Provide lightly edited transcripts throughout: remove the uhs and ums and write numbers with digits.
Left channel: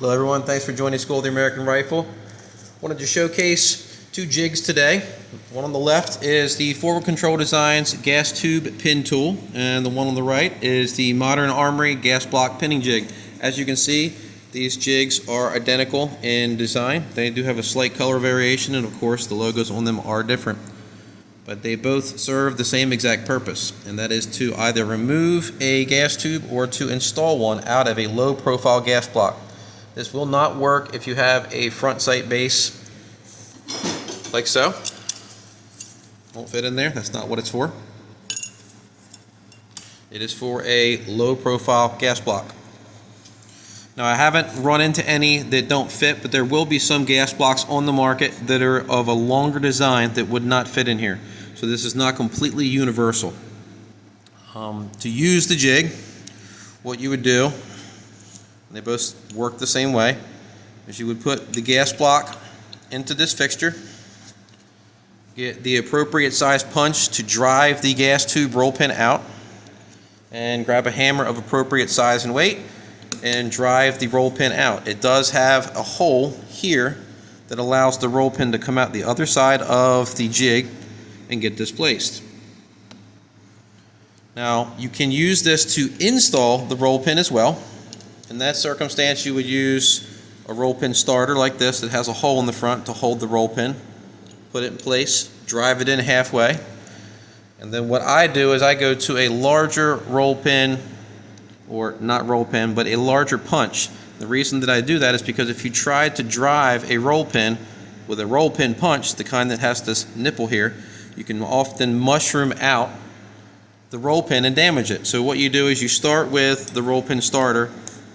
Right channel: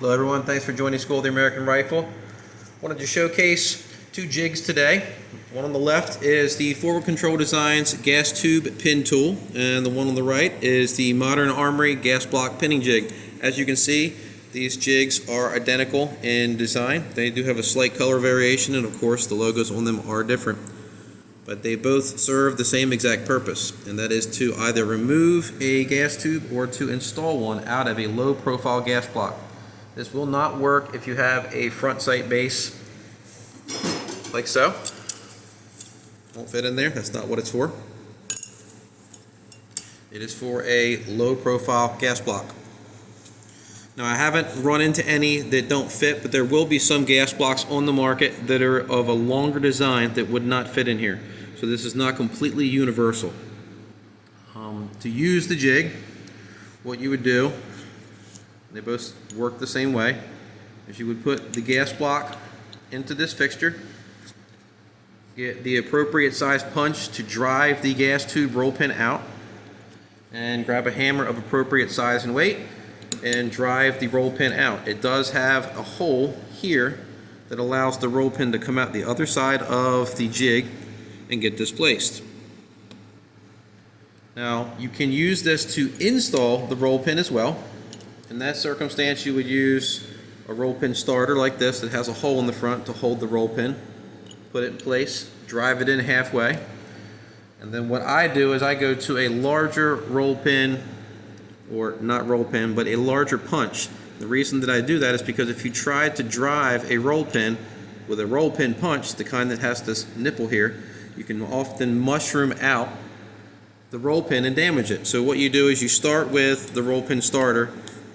Hello everyone, thanks for joining School of the American Rifle. Wanted to showcase two jigs today. One on the left is the Forward Control Designs gas tube pin tool, and the one on the right is the modern Armory gas block pinning jig. As you can see, these jigs are identical in design. They do have a slight color variation, and of course the logos on them are different. But they both serve the same exact purpose, and that is to either remove a gas tube or to install one out of a low profile gas block. This will not work if you have a front sight base like so. Won't fit in there, that's not what it's for. It is for a low profile gas block. Now I haven't run into any that don't fit, but there will be some gas blocks on the market that are of a longer design that would not fit in here. So this is not completely universal. To use the jig, what you would do, they both work the same way, is you would put the gas block into this fixture, get the appropriate size punch to drive the gas tube roll pin out, and grab a hammer of appropriate size and weight and drive the roll pin out. It does have a hole here that allows the roll pin to come out the other side of the jig and get displaced. Now you can use this to install the roll pin as well. In that circumstance, you would use a roll pin starter like this that has a hole in the front to hold the roll pin. Put it in place, drive it in halfway, and then what I do is I go to a larger roll pin, or not roll pin, but a larger punch. The reason that I do that is because if you try to drive a roll pin with a roll pin punch, the kind that has this nipple here, you can often mushroom out the roll pin and damage it. So what you do is you start with the roll pin starter,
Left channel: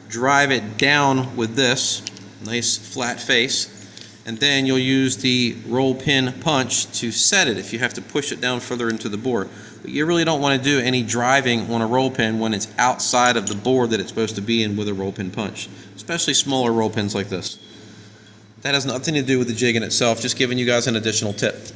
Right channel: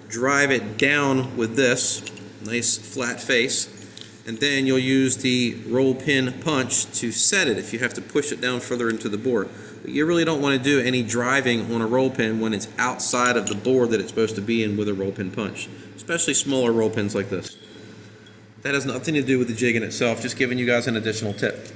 drive it down with this nice flat face, and then you'll use the roll pin punch to set it if you have to push it down further into the bore. But you really don't want to do any driving on a roll pin when it's outside of the bore that it's supposed to be in with a roll pin punch, especially smaller roll pins like this. That has nothing to do with the jig in itself, just giving you guys an additional tip.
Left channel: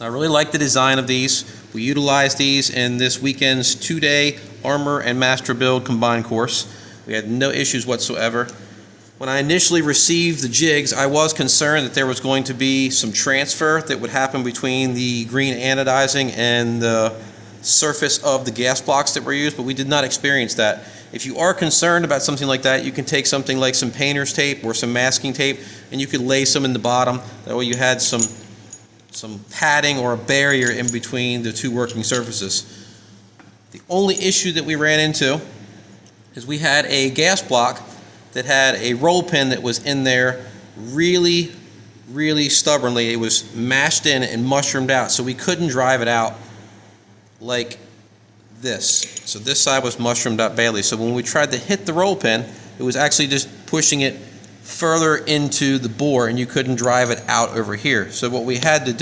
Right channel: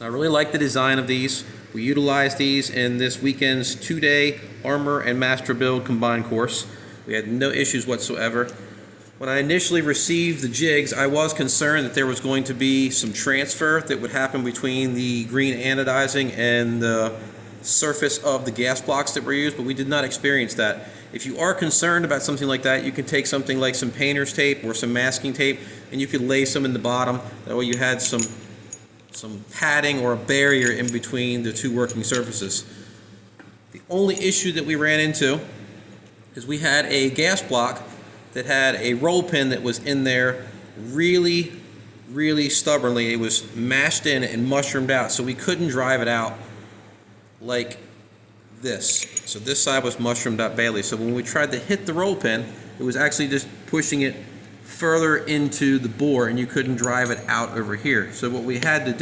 I really like the design of these. We utilized these in this weekend's 2-day Armor and Master Build combined course. We had no issues whatsoever. When I initially received the jigs, I was concerned that there was going to be some transfer that would happen between the green anodizing and the surface of the gas blocks that were used, but we did not experience that. If you are concerned about something like that, you can take something like some painter's tape or some masking tape, and you could lay some in the bottom. That way you had some padding or a barrier in between the two working surfaces. The only issue that we ran into is we had a gas block that had a roll pin that was in there really stubbornly. It was mashed in and mushroomed out, so we couldn't drive it out like this. So this side was mushroomed out badly. So when we tried to hit the roll pin, it was actually just pushing it further into the bore, and you couldn't drive it out over here. So what we wanted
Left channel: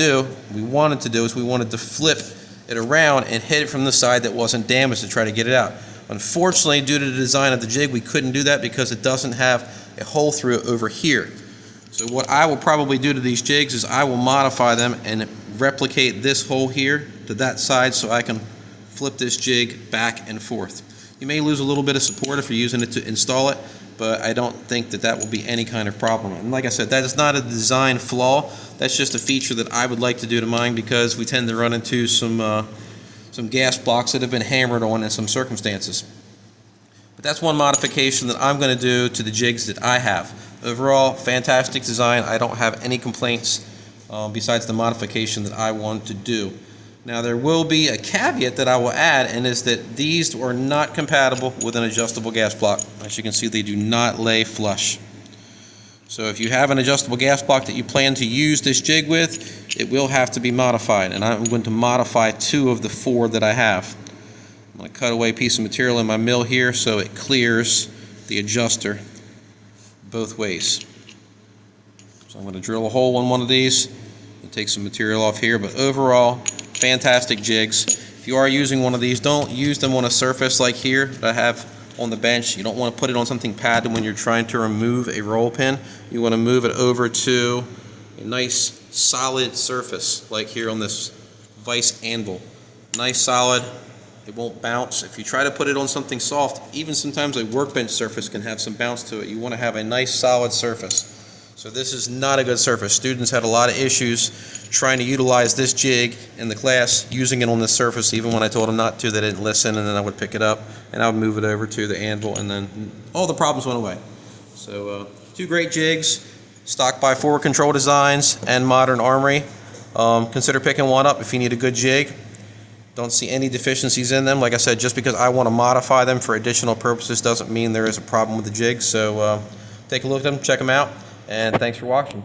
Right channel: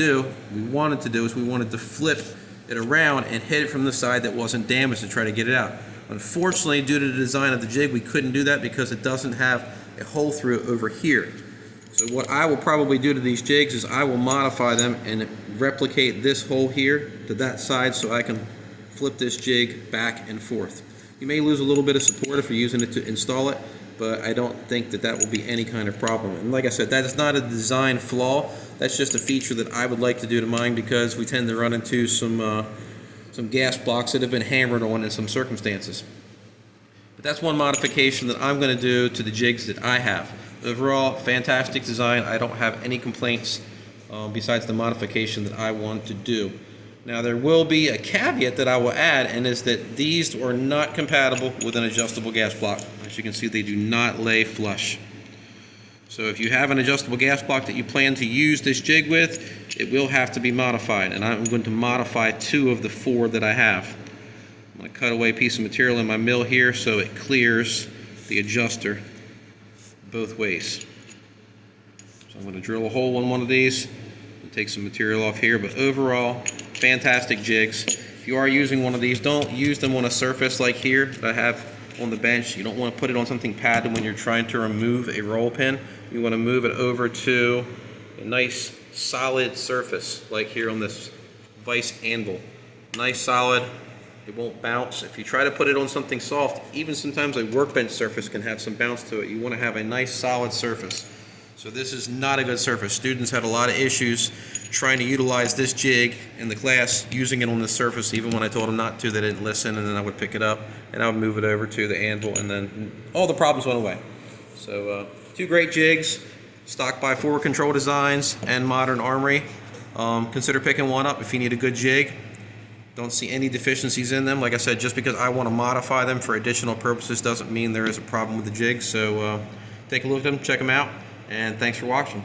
to flip it around and hit it from the side that wasn't damaged to try to get it out. Unfortunately, due to the design of the jig, we couldn't do that because it doesn't have a hole through it over here. So what I will probably do to these jigs is I will modify them and replicate this hole here to that side so I can flip this jig back and forth. You may lose a little bit of support if you're using it to install it, but I don't think that that will be any kind of problem. And like I said, that is not a design flaw. That's just a feature that I would like to do to mine because we tend to run into some gas blocks that have been hammered on in some circumstances. But that's one modification that I'm going to do to the jigs that I have. Overall, fantastic design. I don't have any complaints besides the modification that I want to do. Now there will be a caveat that I will add, and is that these are not compatible with an adjustable gas block. As you can see, they do not lay flush. So if you have an adjustable gas block that you plan to use this jig with, it will have to be modified, and I'm going to modify 2 of the 4 that I have. I'm going to cut away a piece of material in my mill here so it clears the adjuster both ways. So I'm going to drill a hole in one of these and take some material off here, but overall, fantastic jigs. If you are using one of these, don't use them on a surface like here that I have on the bench. You don't want to put it on something padded when you're trying to remove a roll pin. You want to move it over to a nice solid surface like here on this vise anvil. Nice solid It won't bounce. If you try to put it on something soft, even sometimes a workbench surface can have some bounce to it. You want to have a nice solid surface. So this is not a good surface. Students had a lot of issues trying to utilize this jig in the class, using it on this surface. Even when I told them not to, they didn't listen, and then I would pick it up and I would move it over to the anvil, and then all the problems went away. So two great jigs, stock by Forward Control Designs and Modern Armory. Consider picking one up if you need a good jig. Don't see any deficiencies in them. Like I said, just because I want to modify them for additional purposes doesn't mean there is a problem with the jig. So take a look at them, check them out, and thanks for watching.